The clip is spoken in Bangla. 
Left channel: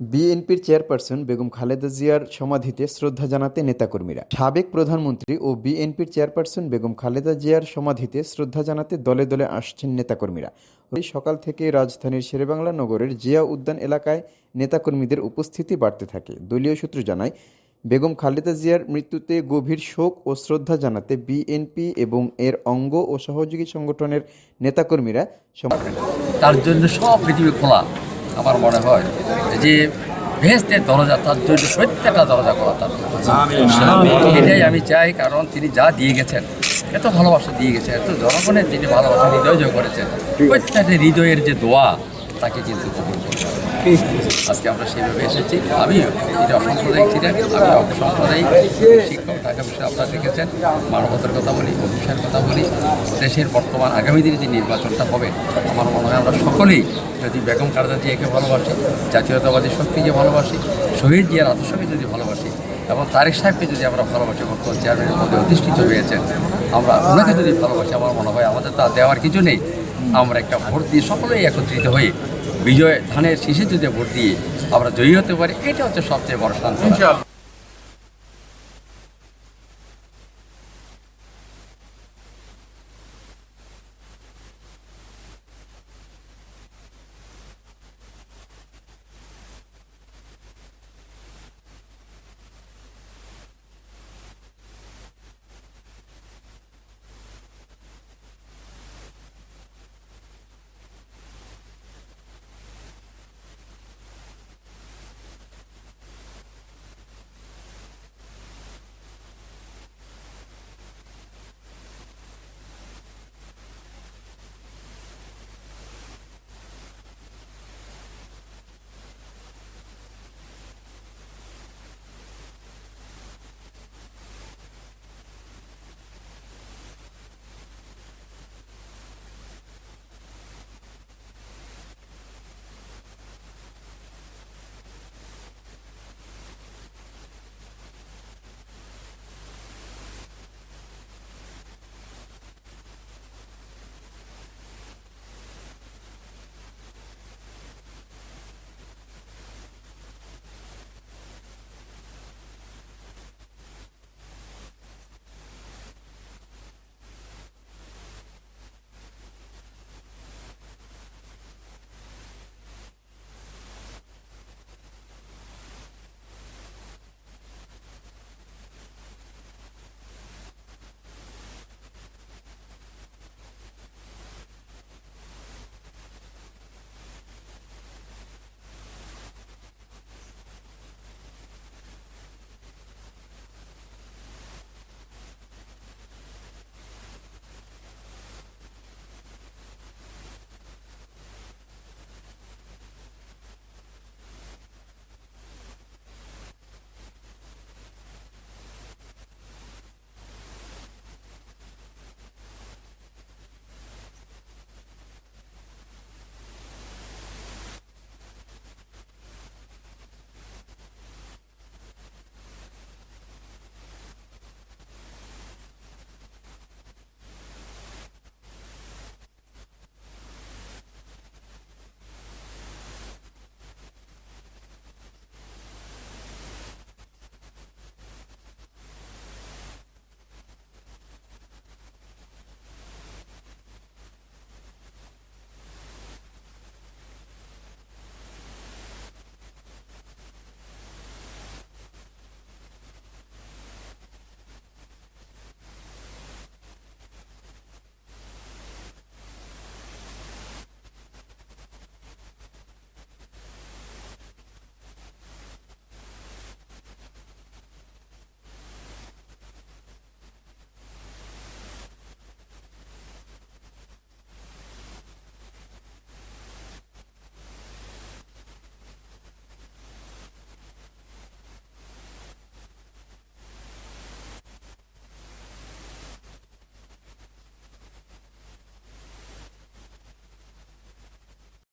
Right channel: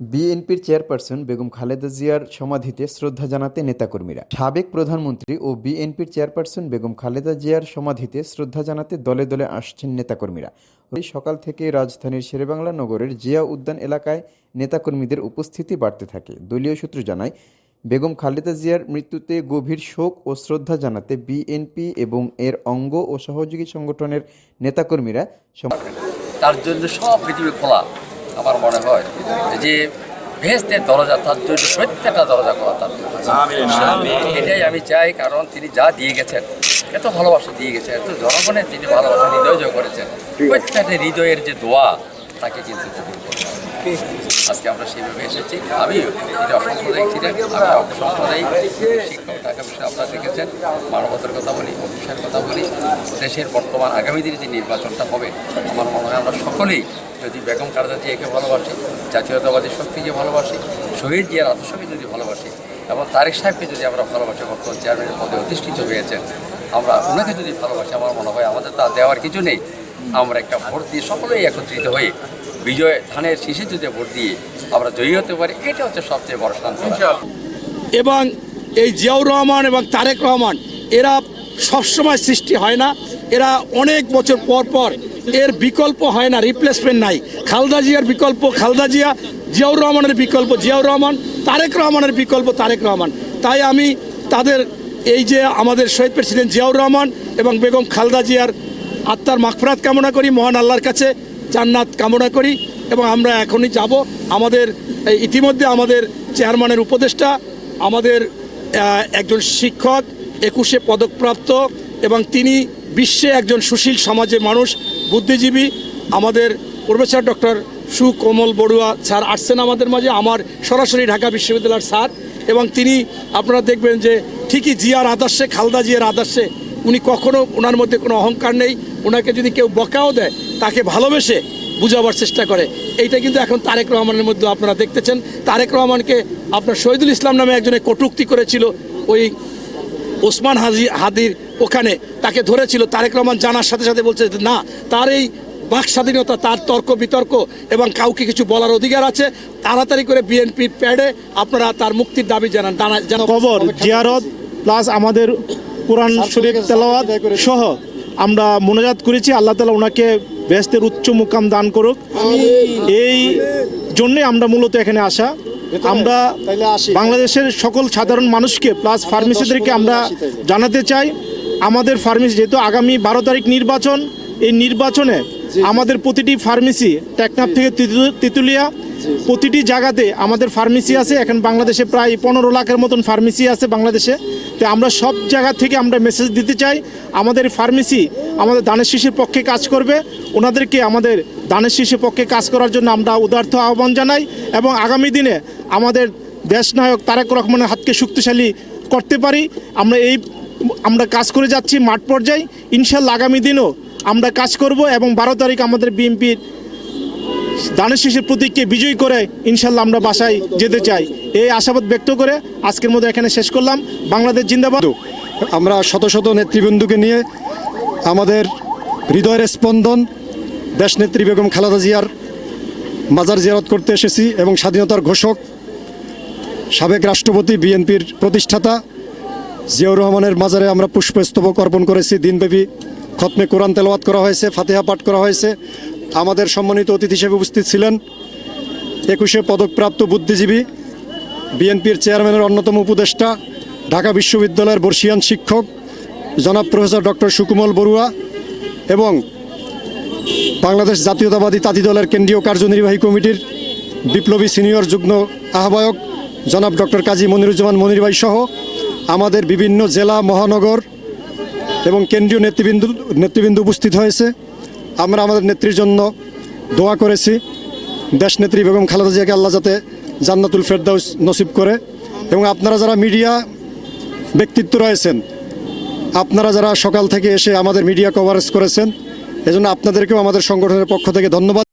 বিএনপির চেয়ারপারসন বেগম খালেদা জিয়ার সমাধিতে শ্রদ্ধা জানাতে নেতাকর্মীরা। সাবেক প্রধানমন্ত্রী ও বিএনপির চেয়ারপারসন বেগম খালেদা জিয়ার সমাধিতে শ্রদ্ধা জানাতে দলে দলে আসছেন নেতাকর্মীরা। ওই সকাল থেকে রাজধানীর শেরেবাংলা নগরের জিয়া উদ্যান এলাকায় নেতাকর্মীদের উপস্থিতি বাড়তে থাকে। দলীয় সূত্র জানায়, বেগম খালেদা জিয়ার মৃত্যুতে গভীর শোক ও শ্রদ্ধা জানাতে বিএনপি এবং এর অঙ্গ ও সহযোগী সংগঠনের নেতাকর্মীরা তার জন্য সব পৃথিবী খোলা। আমার মনে হয় যে ভেস্তের দরজা তার জন্য প্রত্যেকটা দরজা খোলা তার। এটাই আমি চাই, কারণ তিনি যা দিয়ে গেছেন, এত ভালোবাসা দিয়ে গেছেন, এত জনগণের যিনি ভালোবাসা হৃদয় জয় করেছেন, প্রত্যেকটা হৃদয়ের যে দোয়া তাকে কিন্তু কবুল করতে হবে। আজকে আমরা সেইভাবে এসেছি। আমিও তিনি অসাম্প্রদায়িক ছিলেন, আমি অসাম্প্রদায়িক শিক্ষক। ঢাকা বিষয়ে আপনারা দেখেছেন, মানবতার কথা বলি, অহিংসার কথা বলি। দেশের বর্তমান আগামী দিনে যে নির্বাচনটা হবে, আমার মনে হয় আমরা সকলেই যদি বেগম খালেদা জিয়াকে ভালোবাসি, জাতীয়তাবাদী শক্তিকে ভালোবাসি, শহীদ জিয়ার আদর্শকে যদি ভালোবাসি এবং তারেক সাহেবকে যদি আমরা ভালোবাসি, বর্তমান চেয়ারম্যানের পদে অধিষ্ঠিত হয়েছেন, আমরা ওনাকে যদি ভালোবাসি, আমার মনে হয় আমাদের তা দেওয়ার কিছু নেই। আমরা একটা ভোট দিয়ে সকলেই একত্রিত হয়ে বিজয় ধানের শীষে যদি ভোট দিয়ে আমরা জয়ী হতে পারি, এটা হচ্ছে সবচেয়ে বড় সান্ত্বনা। এবং এই জিয়াউর রহমান এবং তারেক রহমান এরা সবসময় সৃষ্টি হয় না, এরা অনেক বছর পর পর এর বিকল্প হয় না, রিপ্লেসমেন্ট নাই। খালেদা জিয়ার বিকল্প খালেদা জিয়া, জিয়াউর রহমানের বিকল্প জিয়াউর রহমান, তারেক রহমানের বিকল্প তারেক রহমান। তাই আমি তাদের এই যে আমাদের শহীদ প্রেসিডেন্ট জিয়াউর রহমান এবং বেগম খালেদা জিয়ার আত্মার মাগফিরাত কামনা করি, মহান আল্লাহর কাছে জান্নাত কামনা করি। এবং আমরা এখনই যাব। আমাদের ইতিমধ্যে আমাদের চেয়ারম্যানের উপদেষ্টা, আমাদের একজন শিক্ষক, 21 পদকপ্রাপ্ত, এবং তিনি বিশ্বে একজন সুশীল সমাজের মানুষ, বুদ্ধিজীবী, আমাদের প্রফেসর ডক্টর সুকোমল বড়ুয়া স্যার আসছেন আমাদের মাঝে, আমার সরাসরি ঢাকা বিশ্ববিদ্যালয়ের স্যার। এবং তিনি আপনারা দেখবেন যে ঠিকই জিয়ার আদর্শে, খালেদা জিয়ার আদর্শে উনি কখনো, ওনার মধ্যে কোনো অহংকার নেই। ওনাকে যদি কেউ বকাও দেয়, তাকে ভালোবেসে বুঝাবার চেষ্টা করে। এইটা কিন্তু এখন তারেক রহমানের মধ্যে আপনারা দেখতেছেন। তারেক রহমানকে আপনার শহীদুল ইসলাম নামে একজনে কটূক্তি করেছিল, ওই ওসমান হাদির ওখানে তাকে ধরেছিল। তারেক রহমান জানার সাথে সাথে বলছে না, তার এই বাক স্বাধীনতা, তার তর্ক বিতর্ক এবং কাউকে কিছু বলার অধিকার আছে। তাড়াতাড়ি করে বিএনপির প্যাডে আপনারা তার মুক্তির দাবি জানান। কবর জিয়ারত প্লাস আমাদের কোরআন শরীফ তেলাওয়াত সহ আমরা মোনাজাত করেছি। আল্লাহ তাআলা ওনাকে বেহেশতের উচ্চ মুকাম দান করুক। এই জন্যে আমরা মূলত এখানে আসা। আমরা বাংলাদেশের সকল সাধারণ মানুষকে প্লাস ফার্মেসিদেরকে আমরা জানাতে চাই, আমাদের ফার্মেসি যেহেতু আগামী 12 তারিখ নির্বাচন, এই নির্বাচনে আমাদের প্রতিটি ফার্মেসি, টেকনাফ থেকে তেঁতুলিয়া, প্রতিটি জায়গাতে আমাদের ফার্মেসি আছে। এখন বাংলাদেশে প্রায় 15 লাখের মতন ফার্মেসি আছে বাংলাদেশে। তো আমরা সব জায়গা থেকে আমরা মেসেজ দিতে চাই, আমাদের ফার্মেসি আমাদের দানের শীষের পক্ষে কাজ করবে। ওনাদেরকে আমাদের দানের শীষের পক্ষে কাজ করার জন্য আমরা উদার্থ আহ্বান জানাই। এবং আগামী দিনে আমাদের দেশনায়ক তারেক রহমানের হাতকে শক্তিশালী করতে পারি, আমরা কাজ করে যাচ্ছি মাঠ পর্যায়ে। ইনশাল্লাহ আগামী দিনও আমরা কাজ করব এবং 12 তারিখ আমাদের বিএনপির দানের শীষের প্রতীককে বিজয়ী করে ইনশাল্লাহ আমরা বাসায় যেতে চাই। এই আশাবাদ ব্যক্ত করে আজকের মতো এখানে শেষ করলাম। বাংলাদেশ জিন্দাবাদ। আমরা শত শত নেতৃবৃন্দকে নিয়ে আমাদের হৃদয়ের স্পন্দন দেশনেত্রী বেগম খালেদা জিয়ার মাজার জিয়ারত করতে এসেছি এবং স্বাধীনতার ঘোষক, সাবেক রাষ্ট্রপতি, বিএনপির প্রতিষ্ঠাতা জিয়াউর রহমানের মাজারে আমরা পুষ্পস্তবক অর্পণ করেছি। দিনব্যাপী খতমে কোরআন তেলাওয়াত করা হয়েছে, ফাতিহা পাঠ করা হয়েছে। আমাদের সম্মানিত অতিথি হিসেবে উপস্থিত ছিলেন 21 পদকপ্রাপ্ত বুদ্ধিজীবী, বিএনপির চেয়ারম্যানের অন্যতম উপদেষ্টা, ঢাকা বিশ্ববিদ্যালয়ের বর্ষিয়ান শিক্ষক জনাব প্রফেসর ডক্টর সুকোমল বড়ুয়া এবং বাংলাদেশ জাতীয়তাবাদী তাঁতি দলের কেন্দ্রীয় কার্যনির্বাহী কমিটির বিপ্লবী সিনিয়র যুগ্ম আহ্বায়ক জনাব ডক্টর কাজী মনিরুজ্জামান মনির ভাই সহ আমাদের বিভিন্ন জেলা, মহানগর এবং কেন্দ্রীয় নেতৃবৃন্দ উপস্থিত হয়েছে। আমরা আমাদের নেত্রীর জন্য দোয়া করেছি। দেশনেত্রী বেগম খালেদা জিয়াকে আল্লাহ যাতে জান্নাতুল ফেরদাউস নসিব করে। এবং আপনারা যারা মিডিয়া ব্যক্তিত্ব রয়েছেন, আপনারা যারা সকাল থেকে এসে আমাদের মিডিয়া কভারেজ করেছেন, এজন্য আপনাদেরকেও আমাদের সংগঠনের পক্ষ থেকে ধন্যবাদ।